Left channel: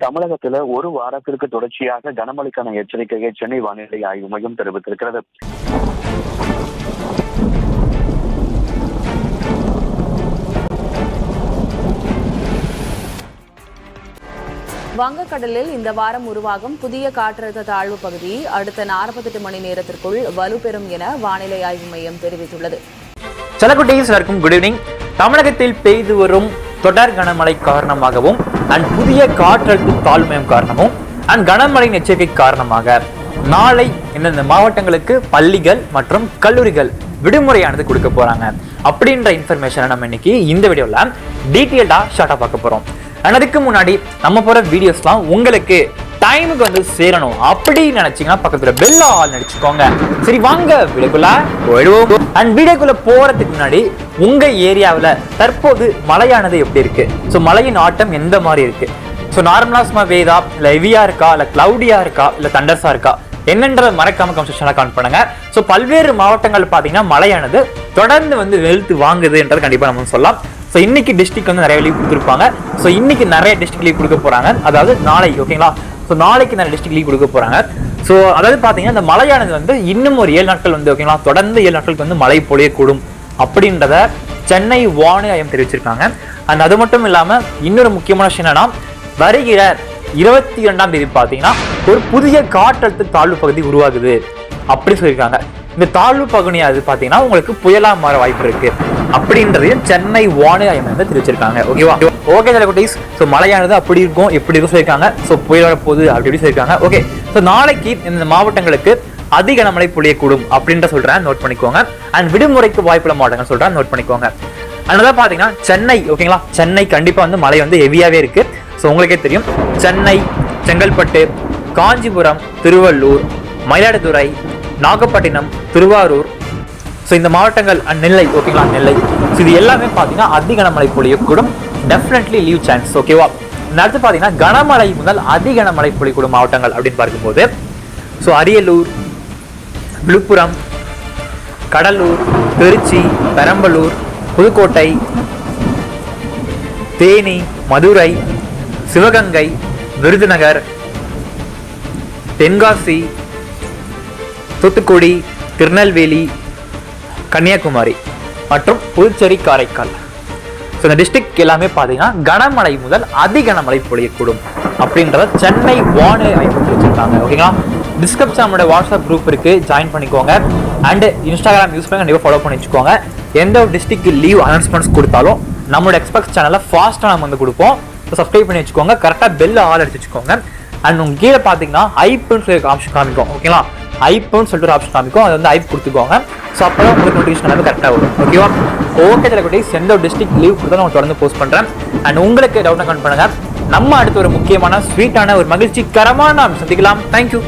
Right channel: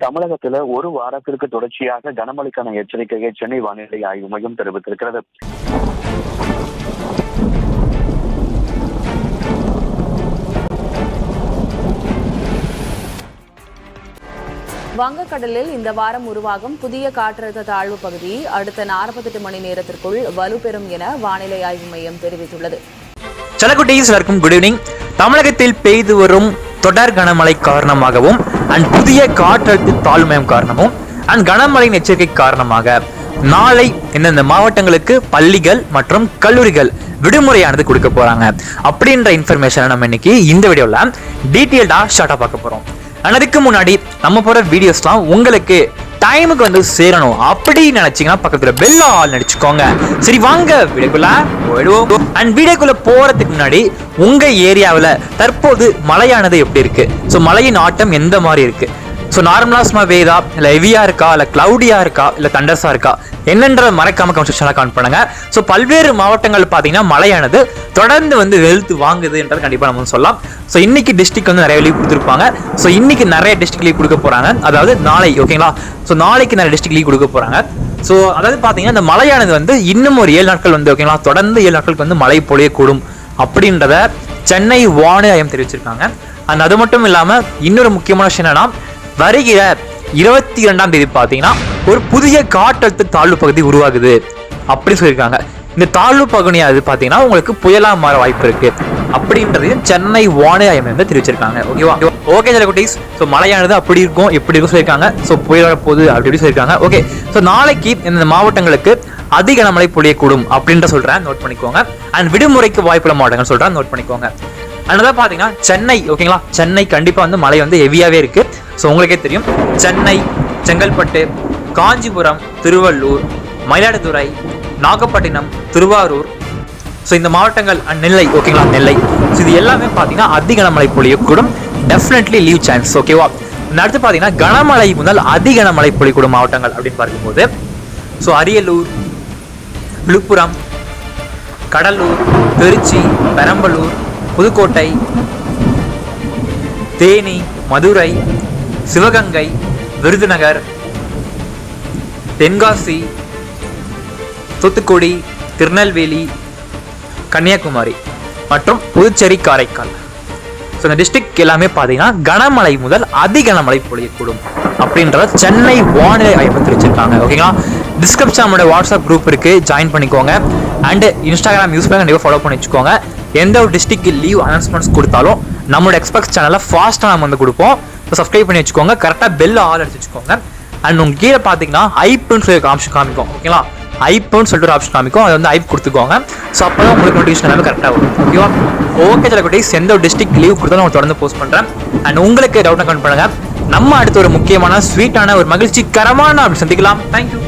தமிழகத்துல ஒரு வாரத்திற்கு தொடர்ச்சியாக கனமழைக்கான எச்சரிக்கையை சென்னை வானிலை ஆய்வு மையம் தெரிவித்திருக்கிறது. வங்கக்கடலில் இந்த வாரம் உருவாகும் புதிய காற்றழுத்த தாழ்வு பகுதி அடுத்த 48 மணி நேரத்திற்குள் வலுப்பெறும் என வானிலை ஆய்வு மையம் தெரிவித்துள்ளது. சலகுட்டீஸ் வரைக்கும் குட் ஈவினிங் தமிழகத்தில் பெய்து வரும் தொடர் கனமழை காரணமாகவும் அண்ட் புதிய காற்றழுத்த தாழ்மயம் காரணமும் அண்ட் கனமழையின் எச்சரிக்கை காரணமாக நாளை இந்தந்த மாவட்டங்களுக்கு பள்ளிகள் மற்றும் கல்லூரிகள் விடுமுறையானது கொடுக்க போறாங்க. அப்படின்ற இன்ஃபர்மேஷனை நம்ம இன்னைக்கு இந்த வீடியோவில் டீட்டெயில்டாக ஷார்ட்டாக பார்க்க போகிறோம் ஆனால் அதுக்கு முன்னாடி நம்ம போகிற வீடியோஸ்லாம் உங்களுக்கு டைமுக்கு வந்து சேரணும் அப்படி நினைச்சீங்கன்னா பக்கத்துல பெல் ஆல் நடிச்சுக்கோங்க. சரி வாங்க வீடியோக்குள்ள போயிடுவோம். அண்ட் வீடியோக்குள்ள போறதுக்கு முன்னாடி உங்க ஏரியாவில் தற்போது மழையானது எப்படி இருக்கு? ஸோ மழையின் ஆட்டம் எந்த மாதிரி இருக்கு? ஸோ நார்மலாக சும்மா வேதா இல்லை ஹெவியா இருக்கா இல்லை கிளவுடியா இருக்கா இல்லை தண்டர்ஸா இருக்கா? என்னன்றத மறக்காம கமெண்ட் செக்ஷன்ல கமெண்ட் பண்ணுங்க. ஸோ பல்வேறு மாவட்டங்கள் பார்த்தீங்கன்னா மழையானது தொடர்ந்து வந்து வெளுத்து வாங்குதுன்றது கண்டிப்பாக நம்ம சொல்லலாம். ஸோ இன்னைக்கு டிஸ்ட்ரிக் வந்து நிறைய லீவ் கொடுத்துருப்பாங்க. ஸோ இன்னைக்கு நிறைய டிஸ்ட்ரிக் லீவ் கொடுக்க போகிறாங்க அதாவது நாளை ஓகேங்களா ஸோ நாளைக்கு நிறைய டிஸ்ட்ரிக் லீவ் கொடுக்க போகிறாங்க ஸோ அதாவது பார்த்தீங்கன்னா இந்த மழையானது வந்து இன்னும் ஒரு ஏழு நாட்கள் வந்து ஓகேங்களா தொடர்ந்து ஏழு நாட்களுக்கு வந்து மழை பொழியக்கூடும் அப்படின்றத சென்னை வானிலை ஆயம் தெரிவிச்சிருக்காங்க. அந்த அது மட்டும் இல்லாமல் இன்னொரு முக்கியமான விஷயம் என்னன்னா வருகிற இருபத்தி இரண்டாம் தேதி பார்த்தீங்கன்னா ஒரு புதிய காற்றழுத்த தாழ்வு பகுதி உருவாகுது அப்படி சொல்லியிருக்காங்க. இந்த தாழ்வு பகுதியாவது பார்த்தீங்கன்னா உங்களுக்கு புயலாக மாற வாய்ப்பு இருக்கு அப்படின்றதையும் சென்னை வானிலை ஆய்வு வந்து தெரிவிச்சிருக்காங்க. ஓகேவா ஓகே சில குட்டீஸ்? ஸோ மழையானது அப்படி இருக்கும் எப்படி இருக்கும் சொல்லியிருக்காங்க. ஸோ புயல் போகுது அப்படி இப்படி சொல்லியிருக்காங்க. ஓகே ஸோ நாளைக்கு இந்த மாவட்டங்களுக்கு அதிக கனமழை பொழியக்கூடும் அப்படின்ற சொல்கிறேன் நோட் பண்ணிக்கோங்க. அண்ட் விடுமுறைக்கு வாய்ப்புள்ள மாவட்டங்கள் சொல்கிறேன் நோட் பண்ணிக்கோங்க. அதனால பாத்தீங்கன்னா சென்னை ஓகேங்களா சென்னை கண்டிப்பா வந்து மழை வந்து ஹெவியாவே இருக்கு. ஸோ உங்களுக்கே தெரியும். சென்னை செங்கல்பட்டு காஞ்சிபுரம் திருவள்ளூர் மயிலாடுதுறை நாகப்பட்டினம் திருவாரூர். ஸோ இந்த மாவட்டங்கள் அண்ட் நெல்லை ஓகேங்களா நெல்லை. ஸோ இது எல்லாமே பார்த்தீங்கன்னா அதிக கனமழை பொழியக்கூடும் டெஃபினெட்லி லீவ் சான்ஸ் ஓகேவா அடுத்து பார்த்தீங்கன்னா கனமழை முதல் அதிக கனமழை பொழியக்கூடும் மாவட்டங்கள் அப்படின்னு பார்க்கும்போது. ஸோ அரியலூர் விழுப்புரம் கடலூர் திருச்சி பெரம்பலூர் புதுக்கோட்டை தேனி மதுரை சிவகங்கை விருதுநகர் தென்காசி தூத்துக்குடி திருநெல்வேலி கன்னியாகுமரி மற்றும் புதுச்சேரி காரைக்கால். ஸோ இந்த டிஸ்ட்ரிக்ட் எல்லாமே பார்த்தீங்கன்னா கனமழை முதல் அதிகனமழை பொழியக்கூடும் அப்படின்றத சென்னை வானிலை ஆய்வு தெரிவிச்சிருக்காங்க ஓகேங்களா? டிஸ்கிரிப்ஷன் நம்மளோட வாட்ஸ்அப் குரூப் இருக்குது ஜாயின் பண்ணிக்கோங்க. அண்டு இன்ஸ்டாகிராம் யூஸ் பண்ணி கண்டிப்பாக ஃபாலோ பண்ணி வச்சுக்கோங்க. எந்த ஒரு டிஸ்ட்ரிக்ட் லீவ் அனௌன்ஸ்மெண்ட்ஸ் கொடுத்தாலும் நம்மளோட எக்ஸ்பெக்ட் சேனலை ஃபாஸ்ட்டாக நம்ம வந்து கொடுப்போம். இப்போ சப்ஸ்கிரைப் பண்ணி வச்சுக்கோங்க. கரெக்டாக பெல் ஆல் அடிச்சு வச்சுக்கோங்க. அண்ட் உங்கள் கீழே பார்த்தீங்கன்னா ஐப்புன்னு சொல்லி ஆப்ஷன் காமிக்கும். ஓகேங்களா ஐப்புன்னு சொல்லிட்டு ஒரு ஆப்ஷன் காமிக்கும். அது வந்து ஐப் கொடுத்துக்கோங்க. ஸோ அப்போ உங்களுக்கு நோட்டிஃபிகேஷன் எல்லாமே கரெக்டாக வரும். ஓகேவா ஓகே தலைக்குட்டீஸ் எந்த ஒரு டிஸ்ட்ரிக்ட் லீவ் கொடுத்தாலும் நான் தொடர்ந்து போஸ்ட் பண்ணுறேன் அண்ட் உங்களுக்கு டவுட் கமெண்ட் பண்ணுங்க. நம்ம அடுத்த ஒரு முக்கியமான ஸ்வீட்டான ஒரு மகிழ்ச்சிகரமான அப்படி சந்திக்கலாம். தேங்க்யூ